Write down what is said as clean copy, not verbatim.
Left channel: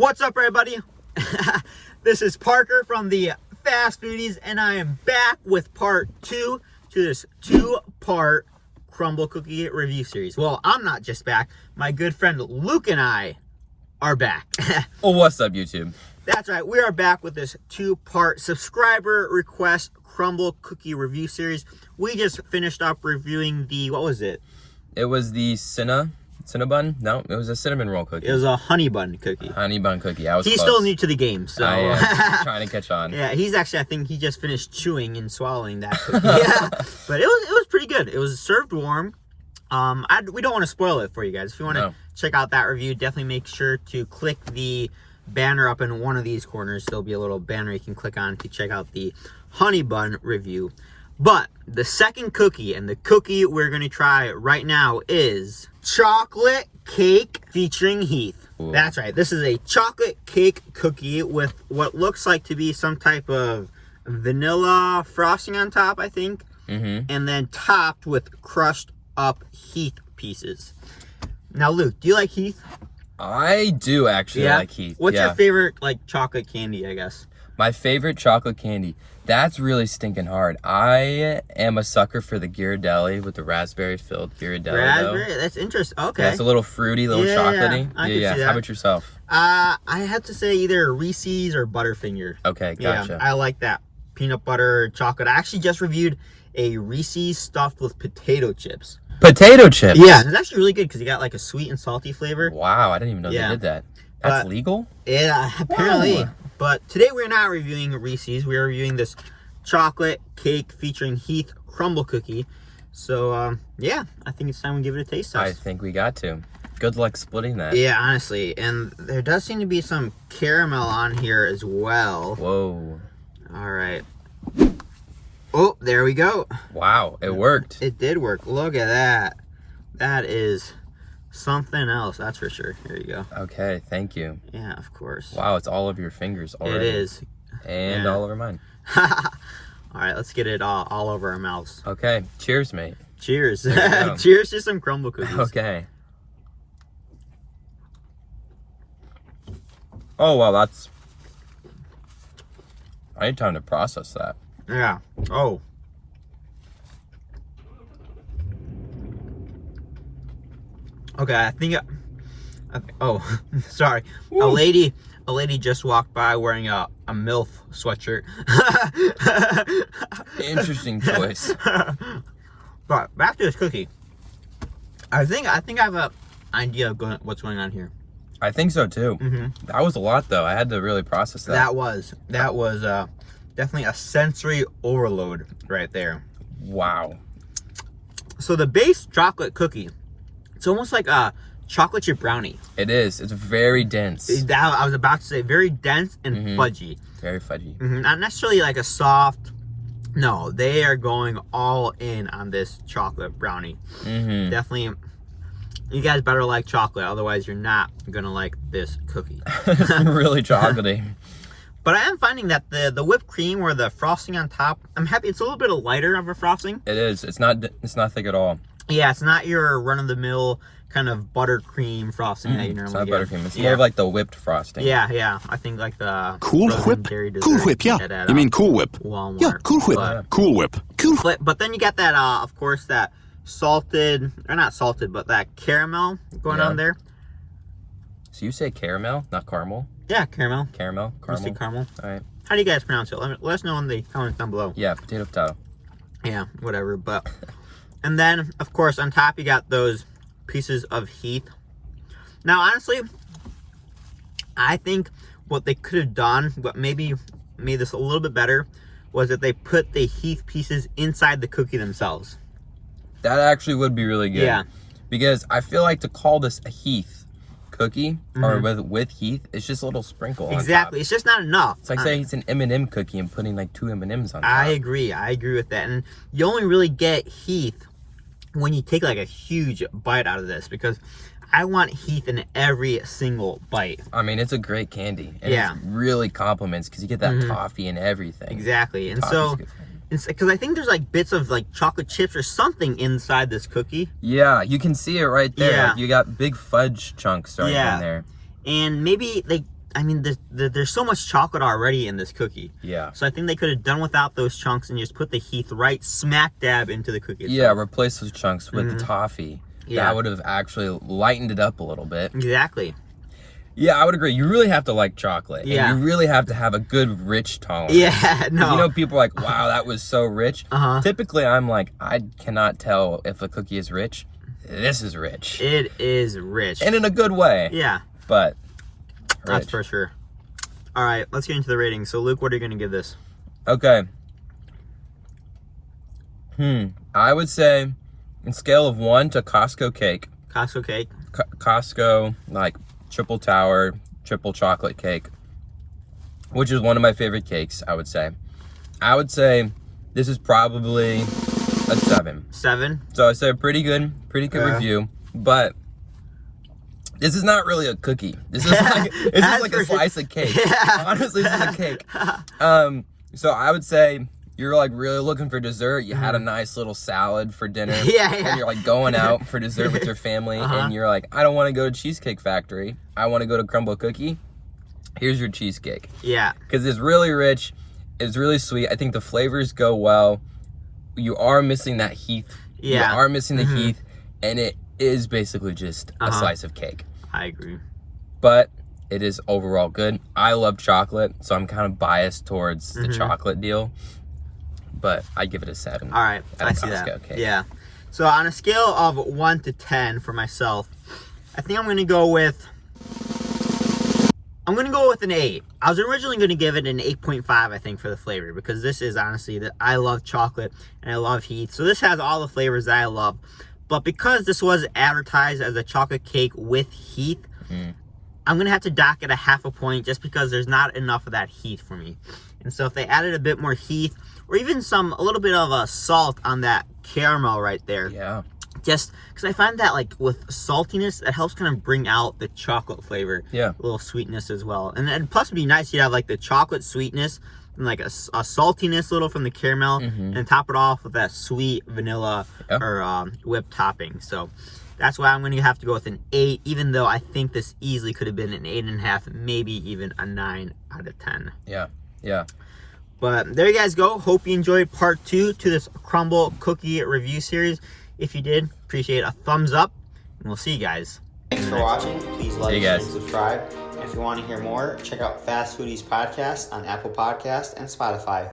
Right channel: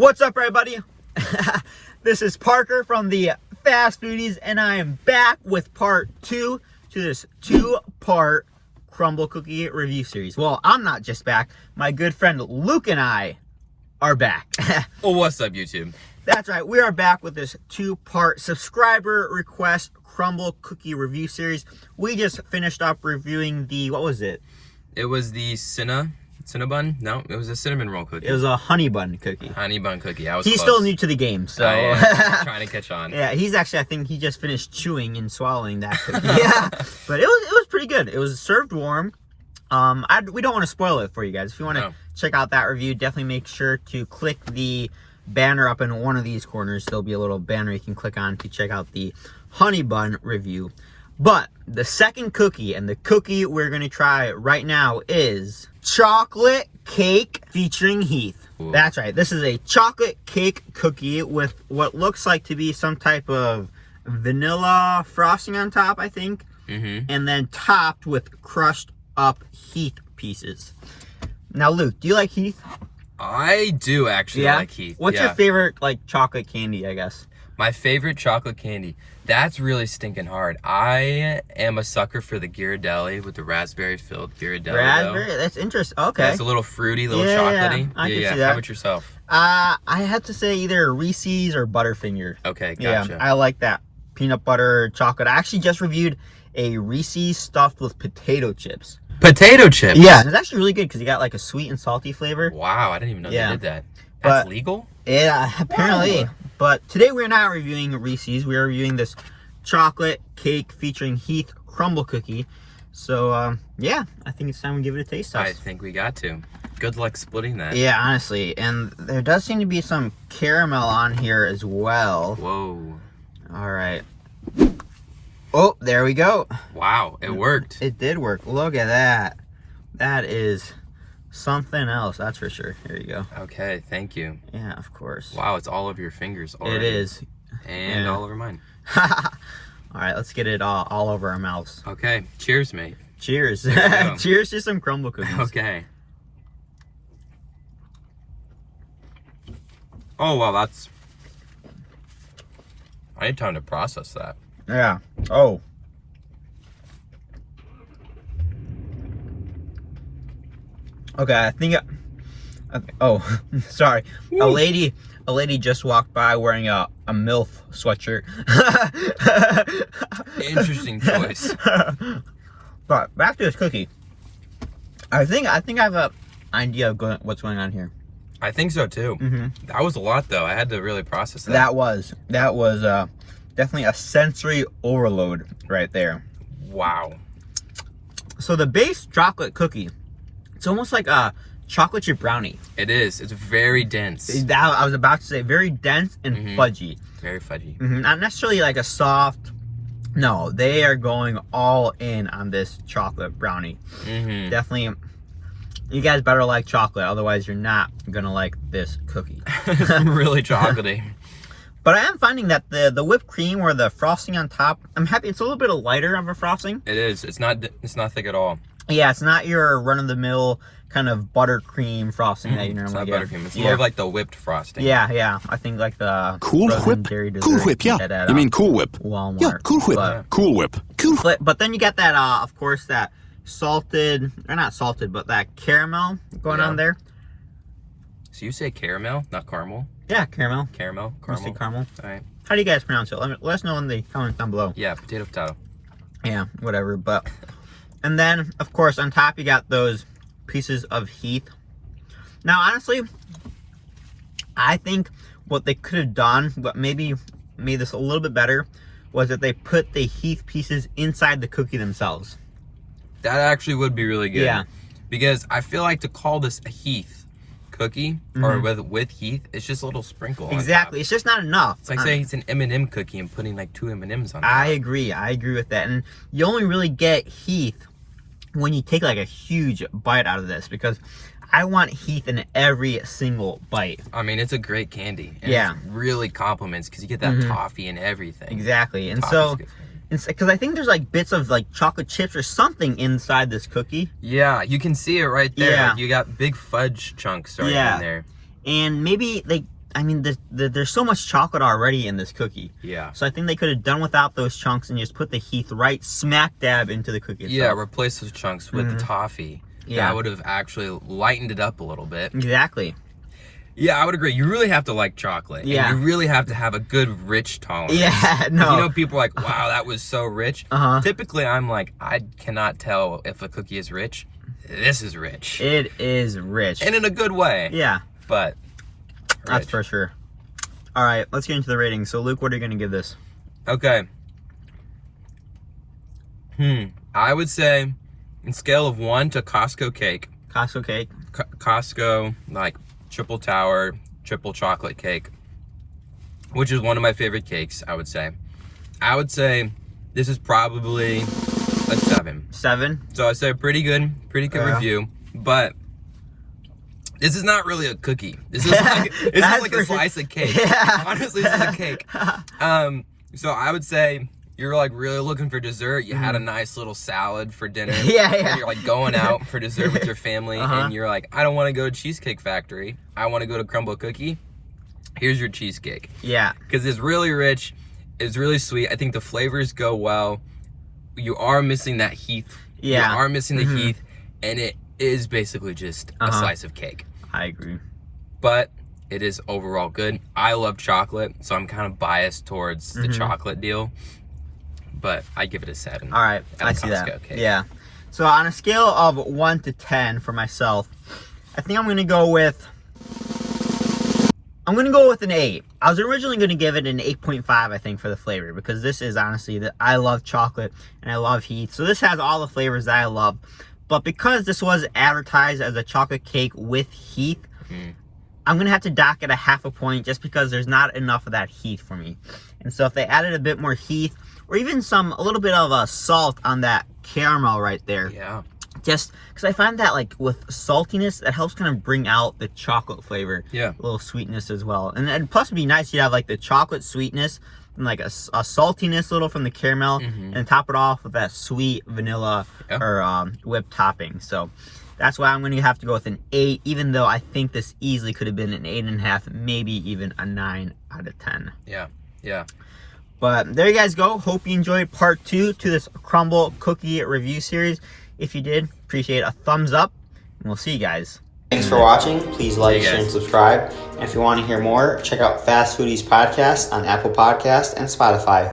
What's up, everybody? This is Parker from the Fast Foodies, and I am back with part 2 to this 2-part Crumbl cookie review series. Well, I'm not just back. My good friend Luke and I are back. Oh, what's up, YouTube? That's right. We are back with this 2-part subscriber request Crumbl cookie review series. We just finished up reviewing the, what was it? It was the Cinnabon? No, it was a cinnamon roll cookie. It was a honey bun cookie. Honey bun cookie. I was He's close. still new to the game, so trying to catch on. Yeah, he's actually, I think he just finished chewing and swallowing that cookie. Yeah, but it was pretty good. It was served warm. We don't want to spoil it for you guys. If you want to check out that review, definitely make sure to click the banner up in one of these corners. There'll be a little banner you can click on to check out the honey bun review. But the second cookie, and the cookie we're going to try right now, is chocolate cake featuring Heath. Ooh. That's right. This is a chocolate cake cookie with what looks like to be some type of vanilla frosting on top, I think. And then topped with crushed up Heath pieces. Now, Luke, do you like Heath? I do actually like Heath. What's your favorite, like, chocolate candy, I guess? My favorite chocolate candy. That's really stinking hard. I am a sucker for the Ghirardelli with the raspberry-filled Ghirardelli. Raspberry? That's interesting. Okay. Yeah, it's a little fruity, little chocolatey. I can see that. How about yourself? I had to say either Reese's or Butterfinger. Okay, gotcha. Yeah, I like that. Peanut butter chocolate. I actually just reviewed a Reese's stuffed with potato chips. Potato chips? Yeah, it's actually really good because you got like a sweet and salty flavor. Wow, I didn't even know they did that. That's legal? Yeah, apparently. Whoa. But today we're not reviewing Reese's. We're reviewing this chocolate cake featuring Heath Crumbl cookie. So, yeah, I think it's time we give it a taste test. I think we got to. Good luck splitting that. Yeah, honestly. And there does seem to be some caramel on here as well. Whoa. All right. Oh, there we go. Wow, it worked. It did work. Look at that. That is something else, that's for sure. Here you go. Okay, thank you. Yeah, of course. Wow, it's all over your fingers already. It is. And all over mine. All right, let's get it all over our mouths. Okay, cheers, mate. Cheers. Cheers to some Crumbl cookies. Okay. Oh, wow, that's... I need time to process that. Yeah. Oh. Okay, I think... Okay. Oh, sorry. Woo. A lady just walked by wearing a MILF sweatshirt. Interesting choice. But back to this cookie. I think I have an idea of what's going on here. I think so too. That was a lot though. I had to really process that. That was definitely a sensory overload right there. Wow. So the base chocolate cookie, it's almost like a chocolate chip brownie. It is. It's very dense. I was about to say very dense and fudgy. Very fudgy. Not necessarily like a soft. No, they are going all in on this chocolate brownie. Definitely. You guys better like chocolate, otherwise you're not gonna like this cookie. It's really chocolatey. But I am finding that the whipped cream or the frosting on top, I'm happy. It's a little bit lighter of a frosting. It is. It's not thick at all. Yeah, it's not your run-of-the-mill kind of buttercream frosting that you normally get. Buttercream. It's more of like the whipped frosting. Yeah. I think like the Cool Whip. Cool Whip, yeah. You mean Cool Whip? Walmart. Yeah, Cool Whip. Cool Whip. Cool. But then you get that, of course, that salted, or not salted, but that caramel going on there. So you say caramel, not caramel? Yeah, caramel. Caramel. Mostly caramel. All right. How do you guys pronounce it? Let us know in the comments down below. Yeah, potato. Yeah, whatever. But and then, of course, on top you got those pieces of Heath. Now, honestly, I think what they could have done, what maybe made this a little bit better, was that they put the Heath pieces inside the cookie themselves. That actually would be really good. Yeah. Because I feel like to call this a Heath cookie, or with Heath, it's just a little sprinkle on Exactly. top. It's just not enough. It's like saying it's an M&M cookie and putting like 2 M&Ms on top. I agree with that. And you only really get Heath when you take like a huge bite out of this, because I want Heath in every single bite. I mean, it's a great candy. And it really compliments because you get that toffee and everything. Exactly. And so, because I think there's like bits of like chocolate chips or something inside this cookie. Yeah, you can see it right there. Yeah. Like, you got big fudge chunks right in there. And maybe I mean, there's so much chocolate already in this cookie. Yeah. So I think they could have done without those chunks and just put the Heath right smack dab into the cookie itself. Yeah, replace those chunks with the toffee. Yeah. That would have actually lightened it up a little bit. Exactly. Yeah, I would agree. You really have to like chocolate. Yeah. And you really have to have a good rich tolerance. Yeah, no. You know, people are like, wow, that was so rich. Typically, I'm like, I cannot tell if a cookie is rich. This is rich. It is rich. And in a good way. Yeah. But that's rich. for sure. All right, let's get into the rating. So, Luke, what are you going to give this? Okay. I would say, on scale of 1 to Costco cake. Costco cake. Costco, like, triple tower, triple chocolate cake, which is one of my favorite cakes, I would say. I would say this is probably a 7. 7? So I say pretty good review, but this is not really a cookie. This is like, a slice of cake. Yeah. Honestly, this is a cake. So I would say you're like really looking for dessert. You had a nice little salad for dinner. Yeah. And you're like going out for dessert with your family. And you're like, I don't want to go to Cheesecake Factory. I want to go to Crumbl Cookie. Here's your cheesecake. Yeah. Because it's really rich. It's really sweet. I think the flavors go well. You are missing that Heath. Yeah. You are missing the Heath. And it is basically just a slice of cake. I agree. But it is overall good. I love chocolate, so I'm kind of biased towards the chocolate deal. But I give it a 7. All right, I see Costco that. cake. Yeah. So on a scale of 1 to 10 for myself, I think I'm gonna go with an 8. I was originally gonna give it an 8.5, I think, for the flavor, because this is honestly I love chocolate and I love Heath. So this has all the flavors that I love. But because this was advertised as a chocolate cake with Heath, I'm gonna have to dock it a half a point just because there's not enough of that Heath for me. And so if they added a bit more Heath, or even a little bit of salt on that caramel right there. Yeah. Just because I find that like with saltiness, it helps kind of bring out the chocolate flavor. Yeah. A little sweetness as well. And plus it'd be nice, you have like the chocolate sweetness and like a saltiness little from the caramel and top it off with that sweet vanilla or whipped topping. So that's why I'm going to have to go with an 8, even though I think this easily could have been an 8.5, maybe even a 9 out of 10. Yeah. Yeah. But there you guys go. Hope you enjoyed part 2 to this Crumbl cookie review series. If you did, appreciate a thumbs up, and we'll see you guys. Thanks for watching. Please like, share, and subscribe. And if you want to hear more, check out Fast Foodies Podcast on Apple Podcasts and Spotify.